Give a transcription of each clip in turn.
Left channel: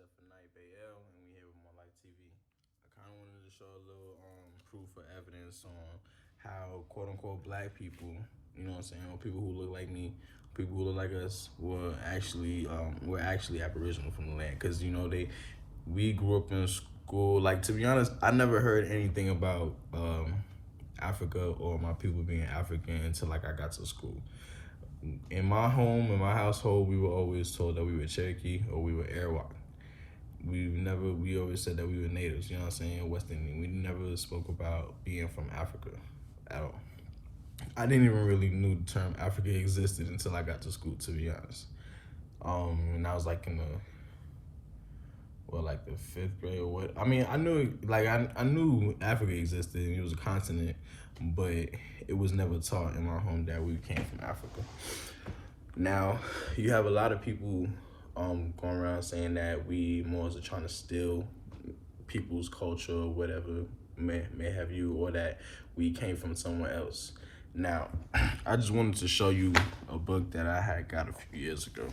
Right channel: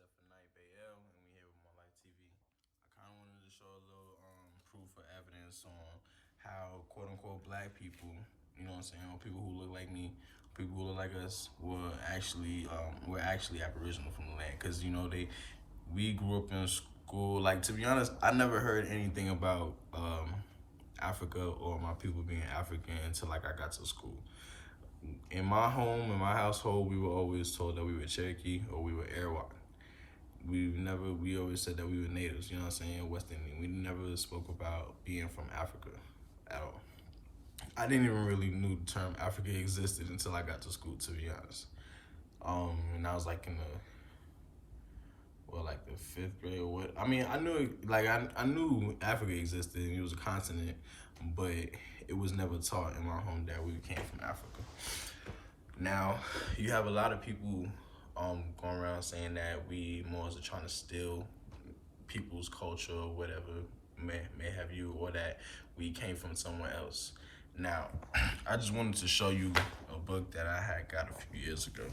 FNIBL, and we here with More Light TV. I kind of wanted to show a little proof or evidence on how quote unquote black people, you know what I'm saying, or people who look like me, people who look like us, were actually Aboriginal from the land. Cause we grew up in school. Like, to be honest, I never heard anything about Africa or my people being African until like I got to school. In my home, in my household, we were always told that we were Cherokee or we were Arawak. We always said that we were natives, you know what I'm saying, West Indian. We never spoke about being from Africa at all. I didn't even really knew the term Africa existed until I got to school, to be honest. And I was like in like the fifth grade or what. I mean, I knew, like, I knew Africa existed and it was a continent, but it was never taught in my home that we came from Africa. Now, you have a lot of people going around saying that we Moors are trying to steal people's culture or whatever may have you, or that we came from somewhere else. Now, I just wanted to show you a book that I had got a few years ago.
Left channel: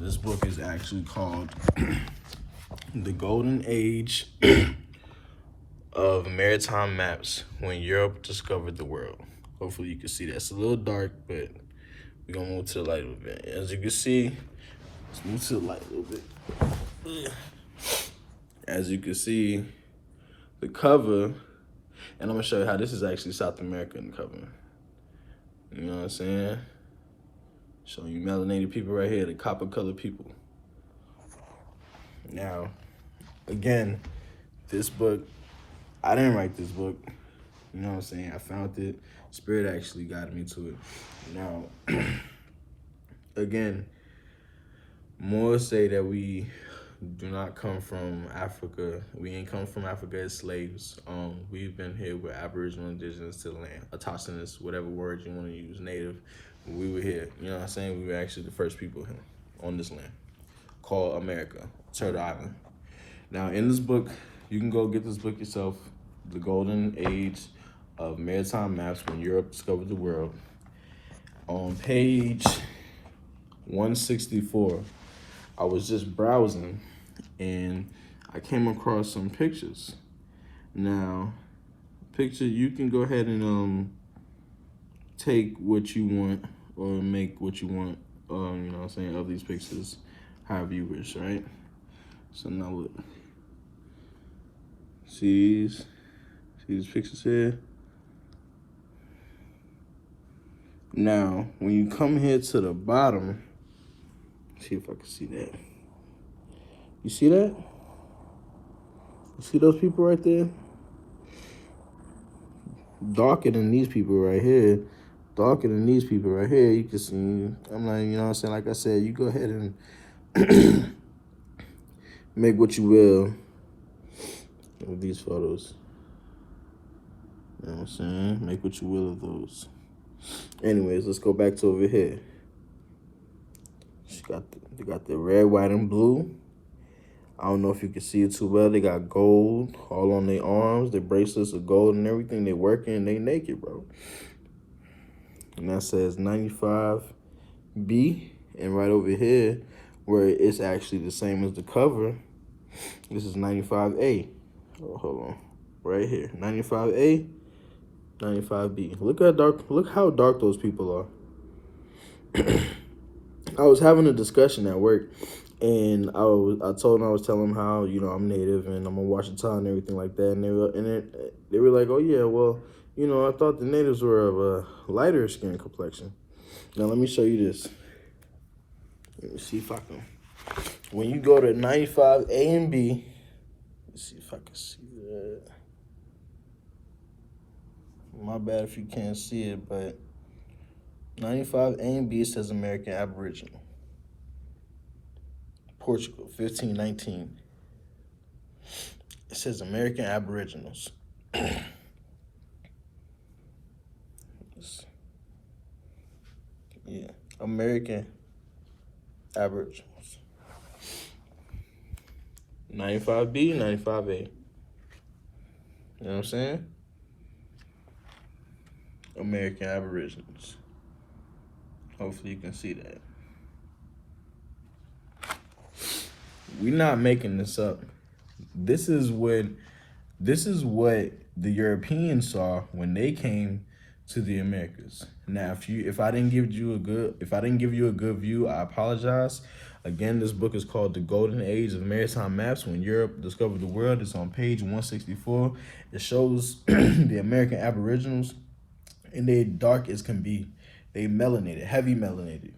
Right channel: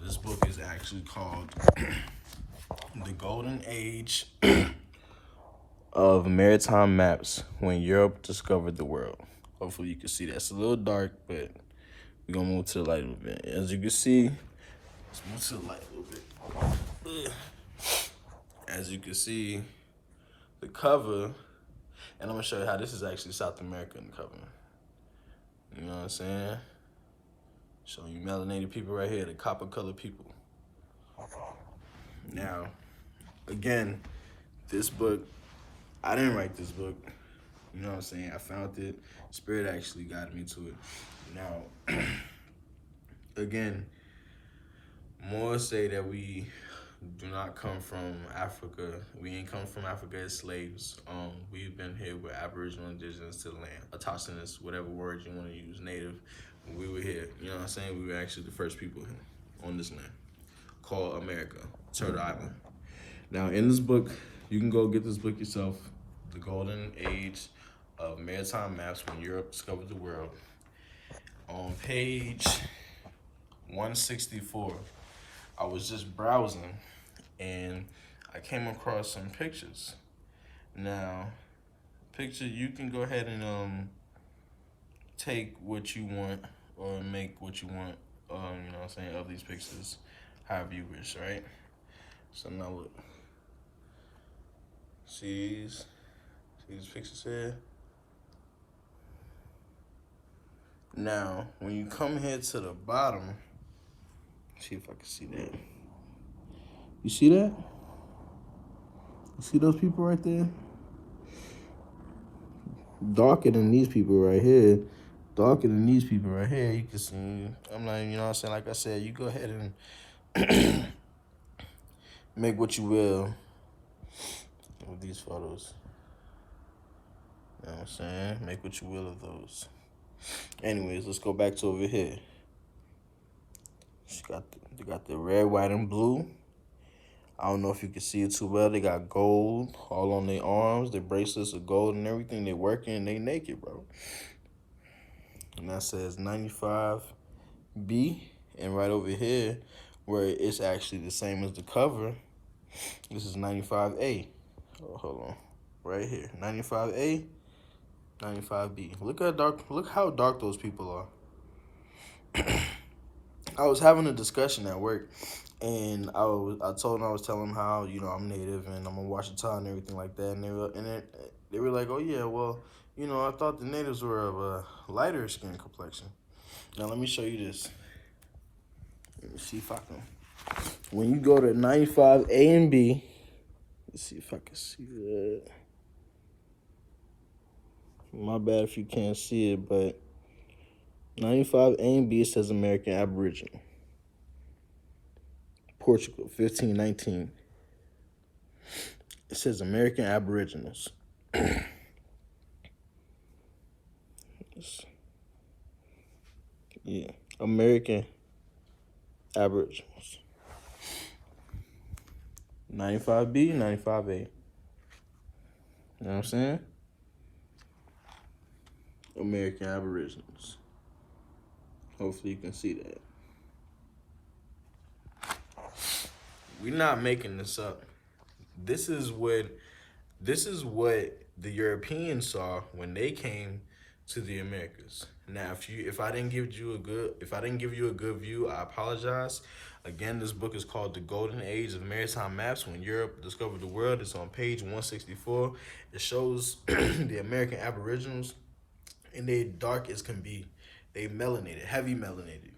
This book is actually called The Golden Age of Maritime Maps When Europe Discovered the World. Hopefully you can see that. It's a little dark, but we're gonna move to the light a little bit. As you can see, let's move to the light a little bit. As you can see, the cover, and I'm gonna show you how this is actually South America in the cover. You know what I'm saying? Showing you melanated people right here, the copper colored people. Now, again, this book, I didn't write this book. You know what I'm saying? I found it. Spirit actually guided me to it. Now, again, more say that we do not come from Africa. We ain't come from Africa as slaves. We've been here with Aboriginal indigenous to the land, autochthonous, whatever word you want to use, native. We were here. You know what I'm saying? We were actually the first people here on this land called America, Turtle Island. Now, in this book, you can go get this book yourself, The Golden Age of Maritime Maps When Europe Discovered the World. On page 164, I was just browsing and I came across some pictures. Now, you can go ahead and take what you want or make what you want, you know what I'm saying, of these pictures, however you wish, right? So now look. See these pictures here? Now, when you come here to the bottom, see if I can see that. You see that? You see those people right there? Darker than these people right here. Darker than these people right here. You can see, I'm not, you know what I'm saying? Like I said, you go ahead and make what you will of these photos. You know what I'm saying? Make what you will of those. Anyways, let's go back to over here. They got the red, white, and blue. I don't know if you can see it too well. They got gold all on their arms. Their bracelets are gold and everything. They working. They naked, bro. And that says 95B. And right over here, where it's actually the same as the cover, this is 95A. Oh, hold on. Right here. 95A, 95B. Look how dark those people are. I was having a discussion at work, and I was telling them how, you know, I'm native and I'm a Washitaw and everything like that, and they were like, oh yeah, well, you know, I thought the natives were of a lighter skin complexion. Now let me show you this. Let me see if I can. When you go to 95A and B, let's see if I can see that. My bad if you can't see it, but 95A and B says American Aboriginal. Portugal, 1519. It says American Aboriginals. Yeah, American Aboriginals. 95B, 95A. You know what I'm saying? American Aboriginals. Hopefully you can see that. we're not making this up. This is what the Europeans saw when they came to the Americas. Now, if I didn't give you a good view, I apologize. Again, this book is called The Golden Age of Maritime Maps When Europe Discovered the World. It's on page 164. It shows the American Aboriginals, and they dark as can be. They melanated, heavily melanated.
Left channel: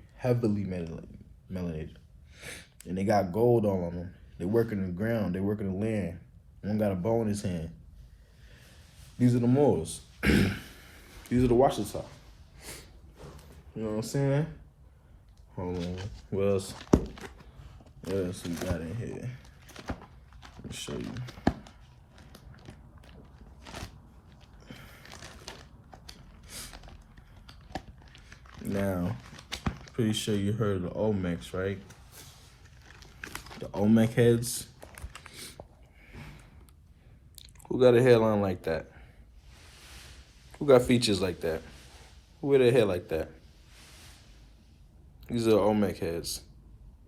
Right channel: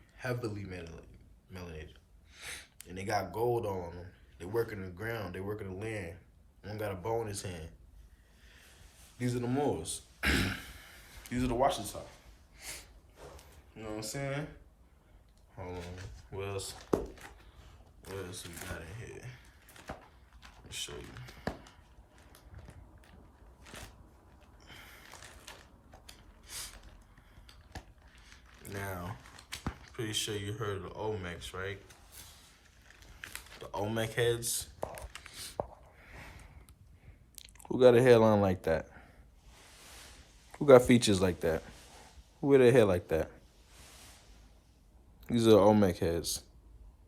And they got gold all on them. They work in the ground, they work in the land. One got a bow in his hand. These are the Moors. These are the Washitaw. You know what I'm saying? Hold on. What else we got in here? Let me show you. Now, pretty sure you heard of the Olmecs, right? The Olmec heads. Who got a hairline like that? Who got features like that? Who wear their hair like that? These are Olmec heads.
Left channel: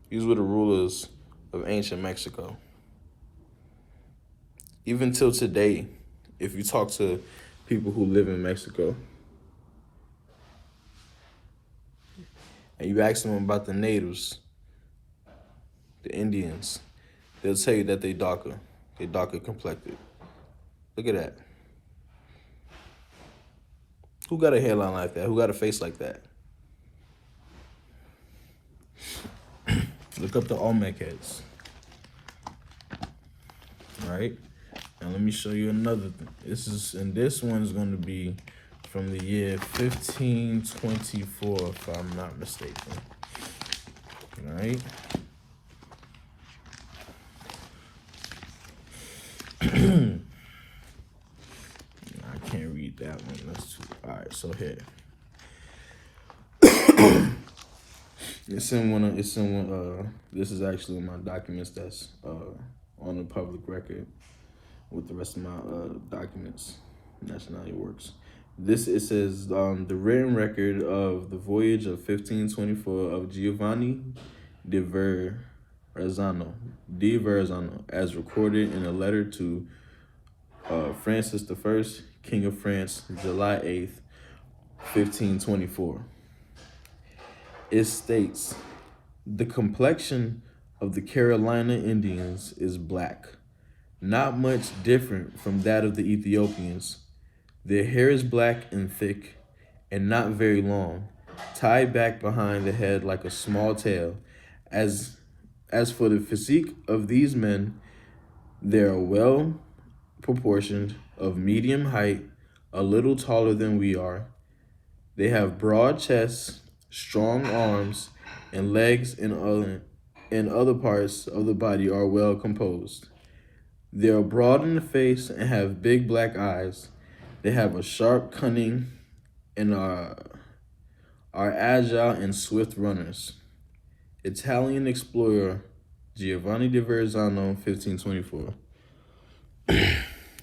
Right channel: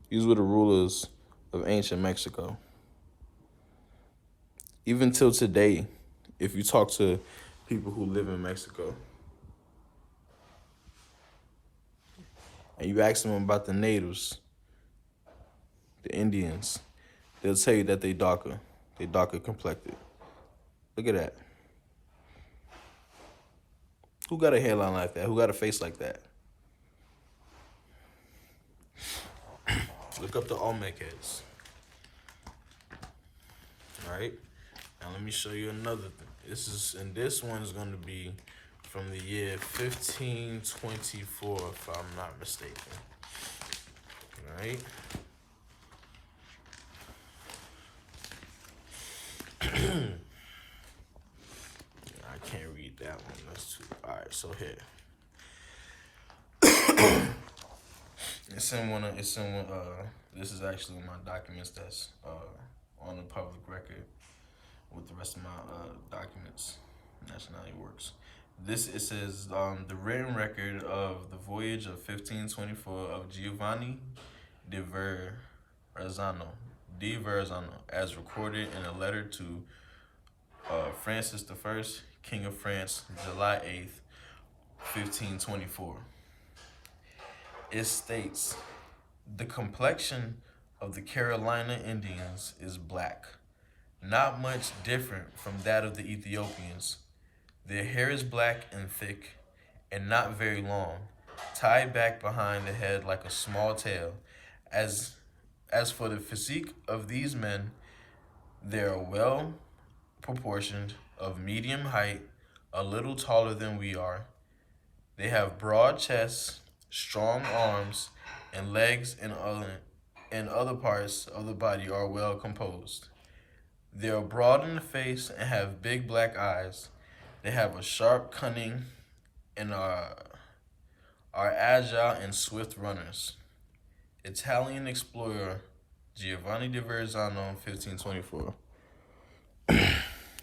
These were the rulers of ancient Mexico. Even till today, if you talk to people who live in Mexico, and you ask them about the natives, the Indians, they'll tell you that they darker complected. Look at that. Who got a hairline like that? Who got a face like that? Look up the Olmec heads. All right. Now let me show you another thing. This one is going to be from the year 1524, if I'm not mistaken. All right. I can't read that one. That's too. All right. So here. This is actually my documents that's on the public record with the rest of my documents. Nationality works. It says the written record of the voyage of 1524 of Giovanni di Verrazzano, as recorded in a letter to Francis I, King of France, July 8th, 1524. It states, the complexion of the Carolina Indians is black, not much different from that of the Ethiopians. Their hair is black and thick and not very long, tied back behind the head like a small tail. As for the physique of these men, they are well proportioned, of medium height, a little taller than we are. They have broad chests, strong arms, and legs, and other parts of the body are well composed. They are broad in the face and have big black eyes. They have a sharp cunning and are agile and swift runners. Italian explorer Giovanni di Verrazzano, 1524.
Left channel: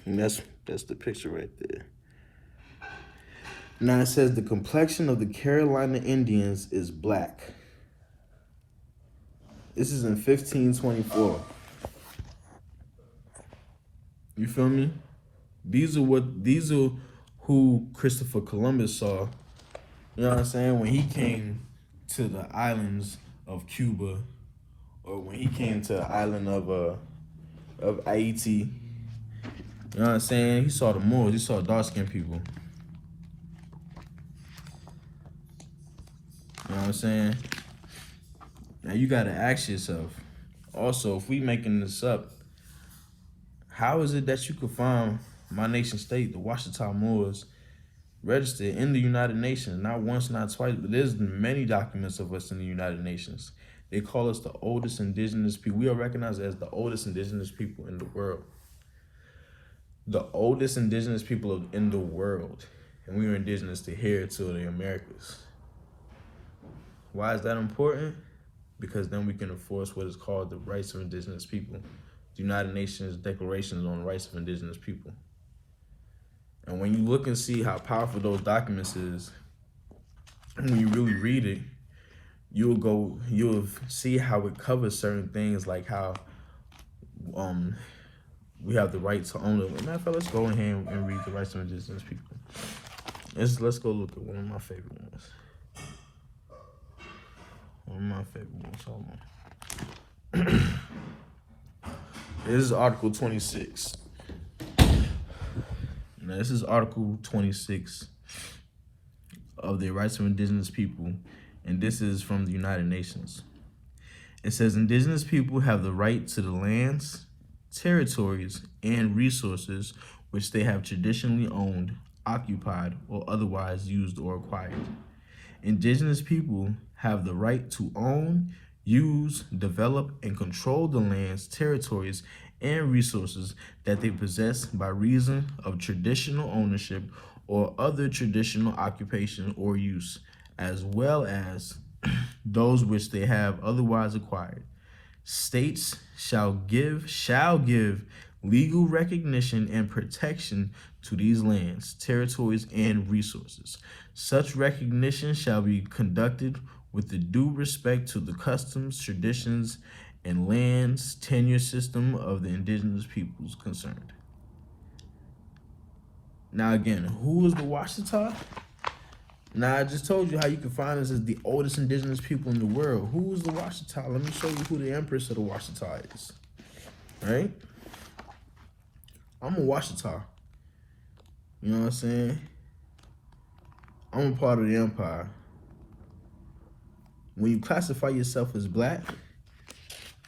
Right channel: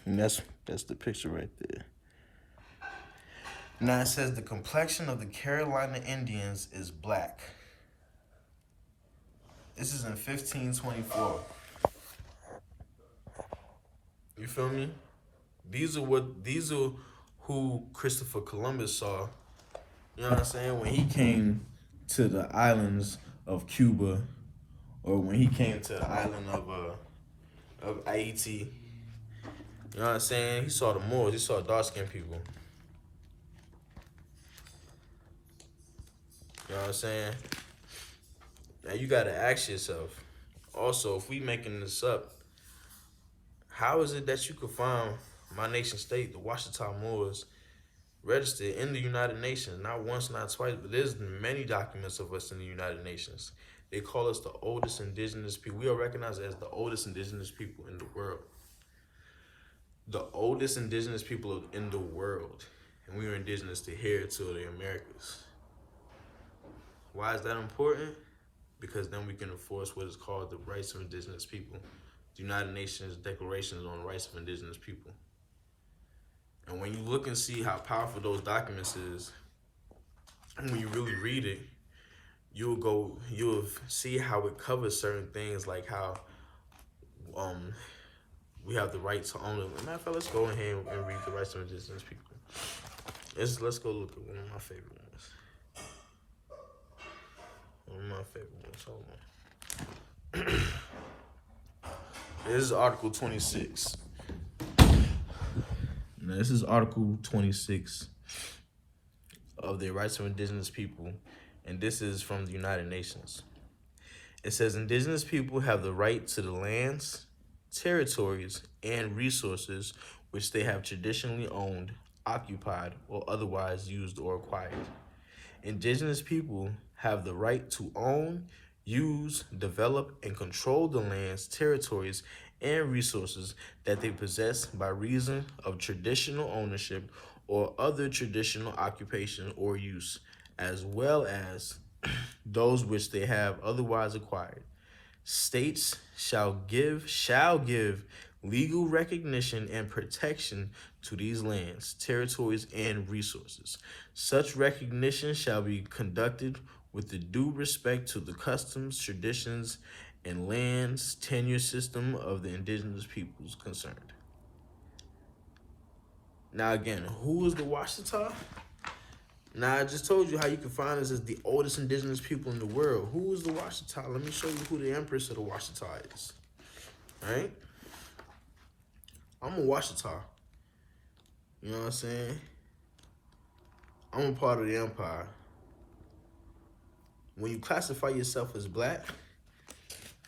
And that's the picture right there. Now it says the complexion of the Carolina Indians is black. This is in 1524. You feel me? These are who Christopher Columbus saw. You know what I'm saying? When he came to the islands of Cuba, or when he came to the island of Haiti. You know what I'm saying? He saw the Moors. He saw dark-skinned people. You know what I'm saying? Now you gotta ask yourself, also, if we making this up, how is it that you could find my nation state, the Washitaw Muurs, registered in the United Nations, not once, not twice, but there's many documents of us in the United Nations. They call us the oldest indigenous people. We are recognized as the oldest indigenous people in the world. The oldest indigenous people in the world. And we are indigenous to here, to the Americas. Why is that important? Because then we can enforce what is called the rights of indigenous people. The United Nations Declarations on the Rights of Indigenous People. And when you look and see how powerful those documents is, when you really read it, you'll see how it covers certain things, like how we have the right to own it. Matter of fact, let's go ahead and read the rights of indigenous people. Let's go look at one of my favorite ones. One of my favorite ones. Hold on. This is Article 26. Now, this is Article 26 of the rights of indigenous people, and this is from the United Nations. It says, indigenous people have the right to the lands, territories, and resources which they have traditionally owned, occupied, or otherwise used or acquired. Indigenous people have the right to own, use, develop, and control the lands, territories, and resources that they possess by reason of traditional ownership or other traditional occupation or use, as well as those which they have otherwise acquired. States shall give legal recognition and protection to these lands, territories, and resources. Such recognition shall be conducted with the due respect to the customs, traditions, and lands tenure system of the indigenous peoples concerned. Now again, who is the Washitaw? Now, I just told you how you can find us as the oldest indigenous people in the world. Who is the Washitaw? Let me show you who the Empress of the Washitaw is. Right? I'm a Washitaw. You know what I'm saying? I'm a part of the empire. When you classify yourself as black,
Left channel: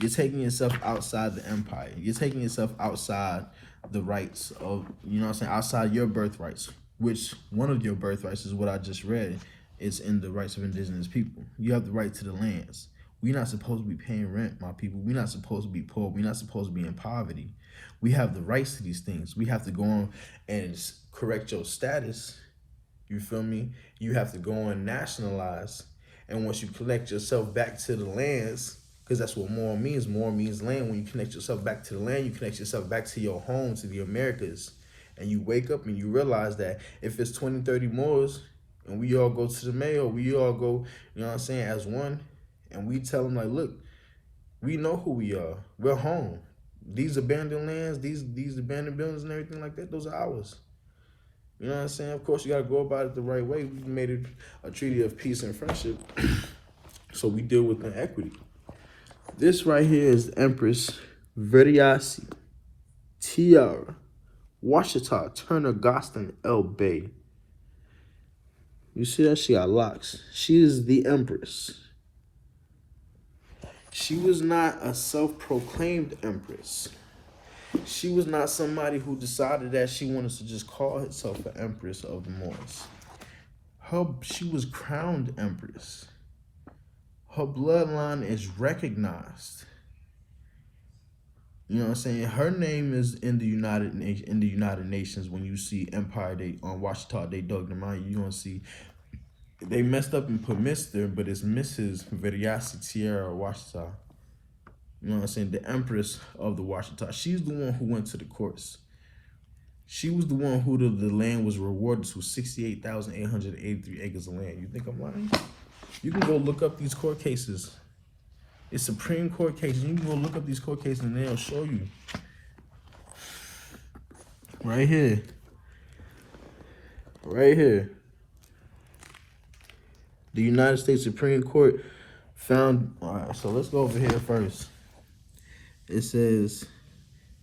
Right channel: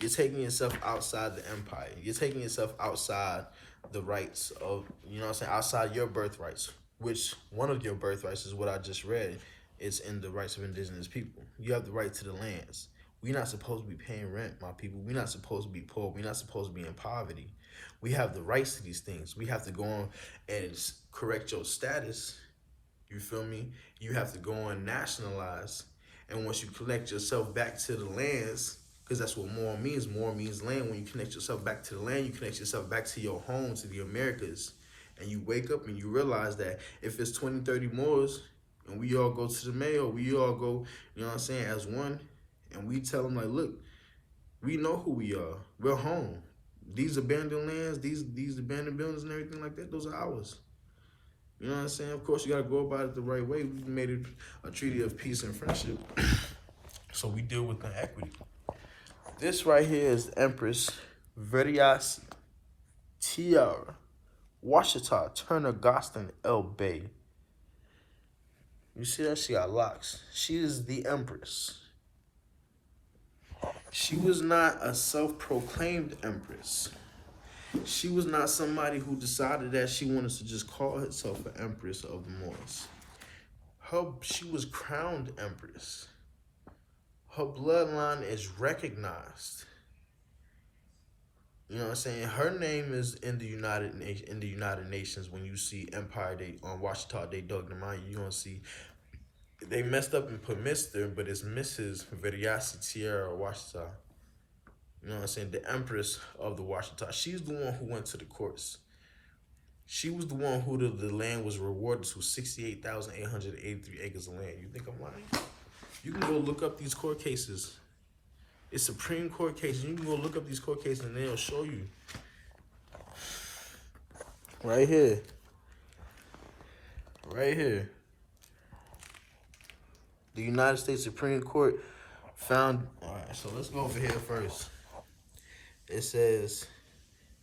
you're taking yourself outside the empire. You're taking yourself outside the rights of, you know what I'm saying, outside your birthrights. Which one of your birthrights is what I just read. It's in the rights of indigenous people. You have the right to the lands. We're not supposed to be paying rent, my people. We're not supposed to be poor. We're not supposed to be in poverty. We have the rights to these things. We have to go on and correct your status. You feel me? You have to go on and nationalize. And once you connect yourself back to the lands, because that's what more means. More means land. When you connect yourself back to the land, you connect yourself back to your home, to the Americas. And you wake up and you realize that if it's 20, 30 Moors and we all go to the mayor, we all go, you know what I'm saying, as one, and we tell them like, look, we know who we are. We're home. These abandoned lands, these abandoned buildings and everything like that, those are ours. You know what I'm saying? Of course, you got to go about it the right way. We made it a treaty of peace and friendship. So we deal with the equity. This right here is Empress Veriasi Tiara Washitaw Turner Gostin L. Bay. You see that? She got locks. She is the Empress. She was not a self-proclaimed Empress. She was not somebody who decided that she wanted to just call herself an Empress of the Moors. She was crowned Empress. Her bloodline is recognized. You know what I'm saying? Her name is in the United Nations. When you see Empire Day on Washitaw, they dug them out. You're gonna see they messed up and put Mr., but it's Mrs. Veriasi Tiara Washitaw. You know what I'm saying? The Empress of the Washitaw. She's the one who went to the courts. She was the one who the land was rewarded to 68,883 acres of land. You think I'm lying? You can go look up these court cases. It's Supreme Court cases. You can go look up these court cases and they'll show you. Right here. Right here. The United States Supreme Court found... All right, so let's go over here first. It says...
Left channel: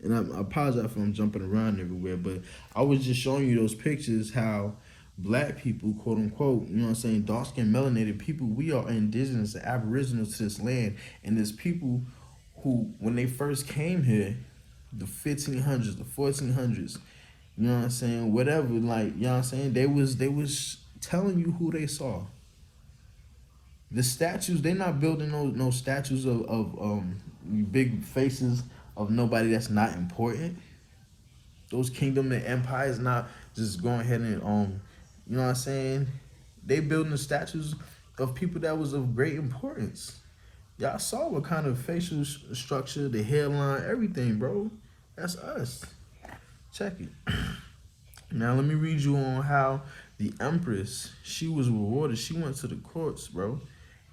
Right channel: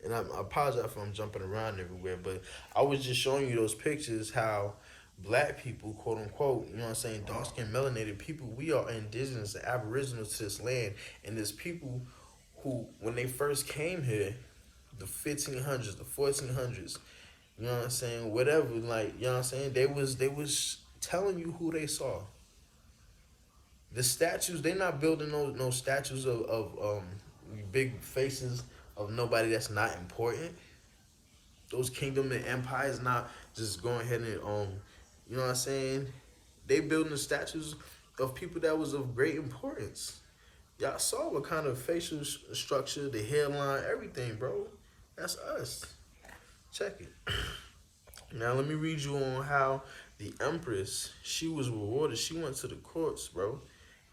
And I apologize if I'm jumping around everywhere, but I was just showing you those pictures how black people, quote unquote, you know what I'm saying, dark-skinned, melanated people, we are indigenous and aboriginal to this land. And there's people who, when they first came here, the 1500s, the 1400s, you know what I'm saying, whatever, like, you know what I'm saying, they was telling you who they saw. The statues, they're not building no statues of big faces of nobody that's not important. Those kingdom and empires not just going ahead and you know what I'm saying? They building the statues of people that was of great importance. Y'all saw what kind of facial structure, the hairline, everything, bro. That's us. Check it. Now let me read you on how the Empress, she was rewarded. She went to the courts, bro.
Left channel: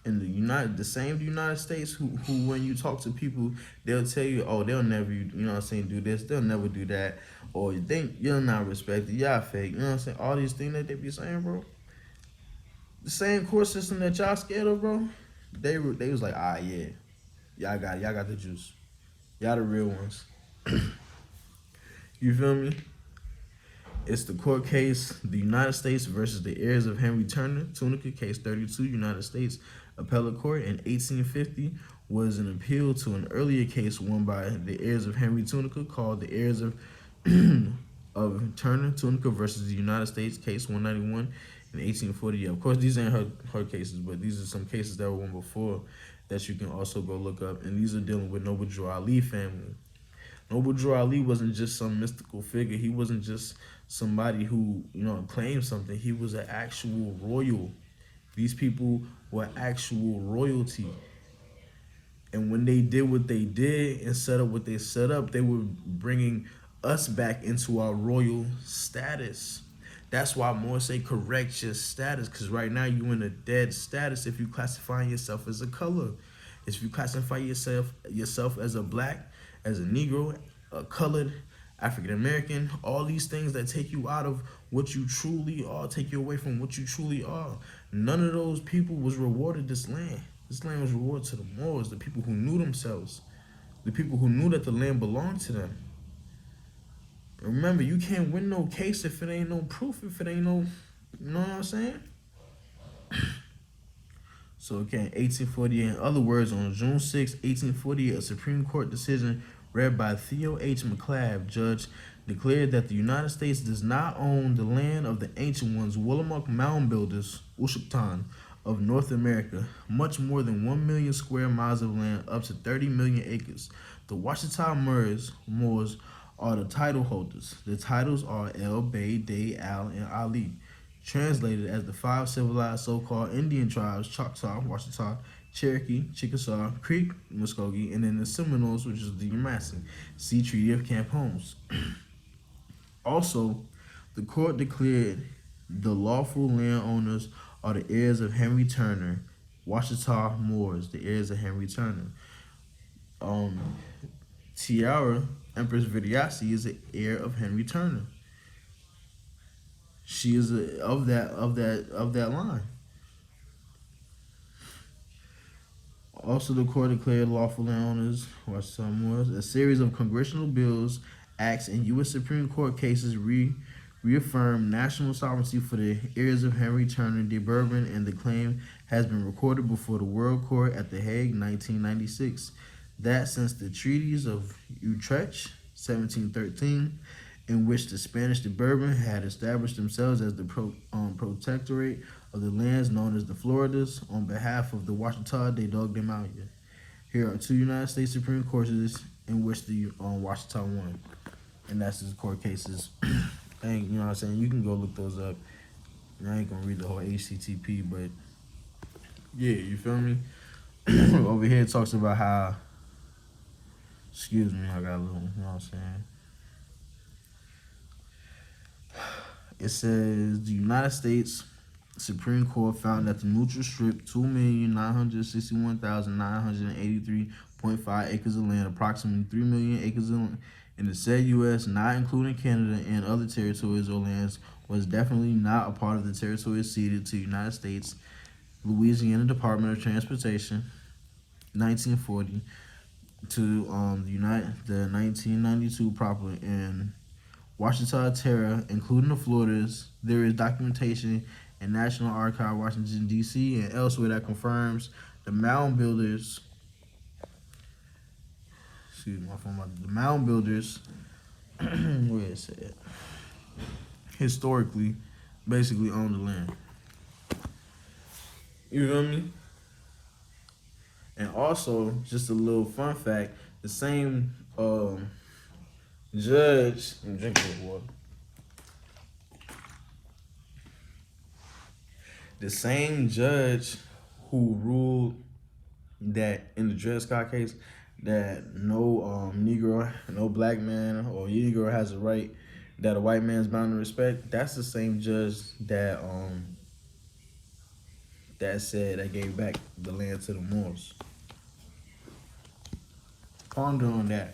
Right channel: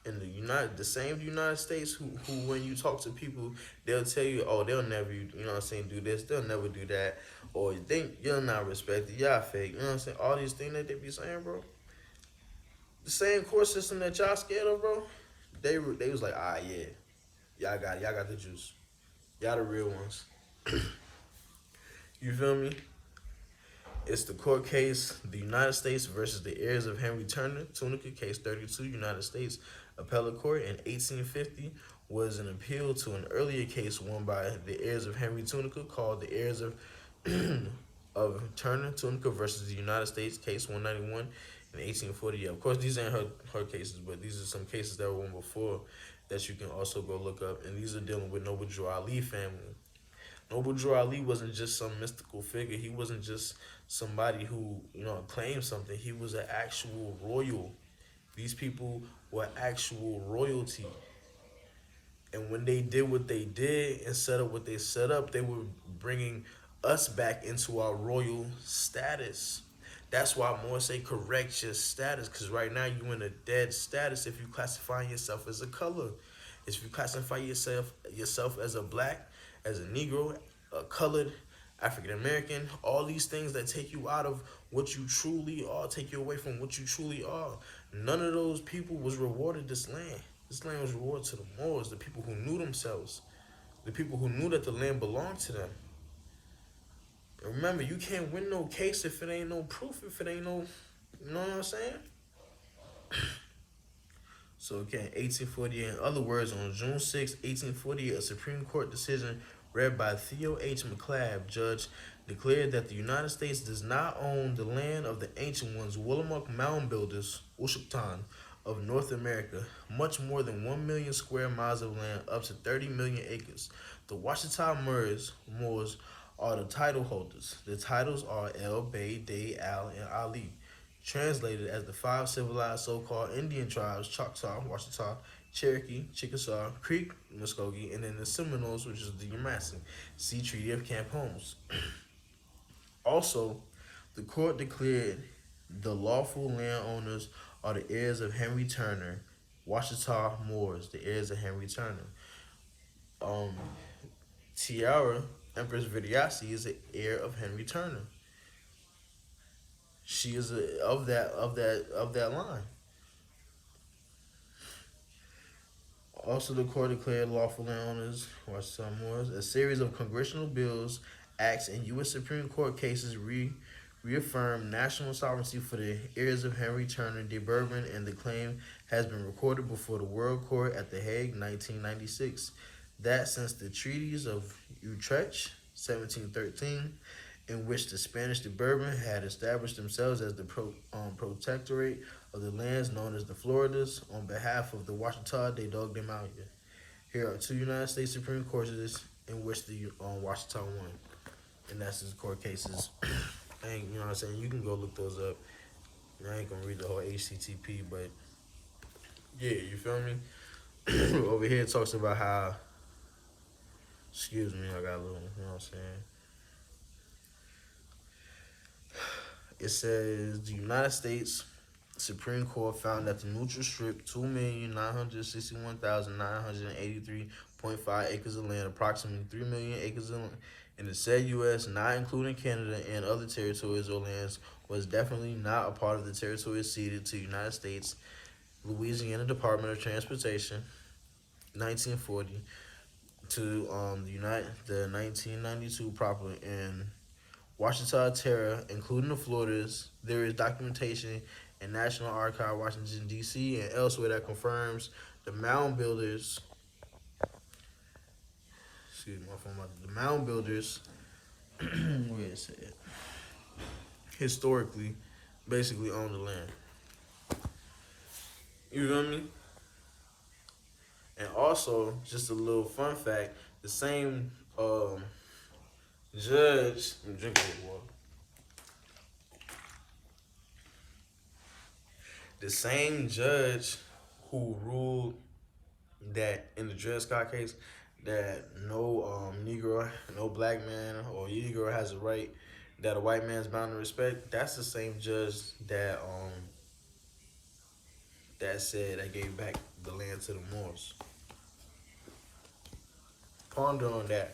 in the same United States who when you talk to people, they'll tell you, oh, they'll never, you know what I'm saying, do this, they'll never do that, or you think you're not respected, y'all fake, you know what I'm saying, all these things that they be saying, bro. The same court system that y'all scared of, bro, they was like, ah, yeah, y'all got the juice, y'all the real ones. You feel me? It's the court case, the United States versus the heirs of Henry Turner, Tunica, case 32, United States Appellate Court in 1850, was an appeal to an earlier case won by the heirs of Henry Tunica called the heirs of of Turner, Tunica versus the United States, case 191 in 1840. Yeah, of course, these ain't her cases, but these are some cases that were won before that you can also go look up, and these are dealing with Noble Drew Ali family. Noble Drew Ali wasn't just some mystical figure. He wasn't just somebody who, you know, claimed something. He was an actual royal. These people were actual royalty. And when they did what they did and set up what they set up, they were bringing us back into our royal status. That's why more say correct your status, because right now you in a dead status if you classify yourself as a color. If you classify yourself as a black, as a Negro, a colored, African American, all these things that take you out of what you truly are, take you away from what you truly are. None of those people was rewarded this land. This land was rewarded to the Moors, the people who knew themselves, the people who knew that the land belonged to them. Remember, you can't win no case if it ain't no proof, if it ain't no, you know what I'm saying? So again, 1848, in other words, on June 6, 1848, a Supreme Court decision read by Theo H. McClabb, judge, declared that the United States does not own the land of the ancient ones, Willamette mound builders, Washitaw, of North America, much more than 1 million square miles of land, up to 30 million acres. The Washitaw Muurs are the title holders. The titles are El, Bay, Day, Al, and Ali. Translated as the 5 civilized so-called Indian tribes: Choctaw, Washitaw, Cherokee, Chickasaw, Creek, Muskogee, and then the Seminoles, which is the Yamasee. See Treaty of Camp Holmes. Also, the court declared the lawful landowners are the heirs of Henry Turner, Washitaw Muurs, the heirs of Henry Turner. Tiara, Empress Vidiasi, is the heir of Henry Turner. She is of that line. Also, the court declared lawful landowners, Washitaw Muurs. A series of congressional bills, acts, and U.S. Supreme Court cases reaffirmed national sovereignty for the heirs of Henry Turner de Bourbon, and the claim has been recorded before the World Court at The Hague, 1996. That since the treaties of Utrecht, 1713, in which the Spanish de Bourbon had established themselves as the protectorate of the lands known as the Floridas, on behalf of the Washitaw, they dogged them out here. Here are 2 United States Supreme Courts in which the Washitaw won, and that's his court cases. And you know what I'm saying, you can go look those up. And I ain't gonna read the whole HCTP, but yeah, you feel me? Over here it talks about how, excuse me, I got a little, you know what I'm saying? It says the United States Supreme Court found that the neutral strip, 2,961,983.5 acres of land, approximately 3 million acres in the said U.S., not including Canada and other territories or lands, was definitely not a part of the territory ceded to the United States. Louisiana Department of Transportation, 1940, to the 1992 property in Washitaw Terra, including the Floridas. There is documentation in National Archive, Washington, D.C., and elsewhere that confirms the mound builders, the mound builders, where is it? Historically, basically owned the land. You feel me? And also, just a little fun fact, the same judge, drink a little water. The same judge who ruled that in the Dred Scott case that no Negro, no black man or Negro has a right that a white man's bound to respect, that's the same judge that that said that gave back the land to the Moors. Ponder on that.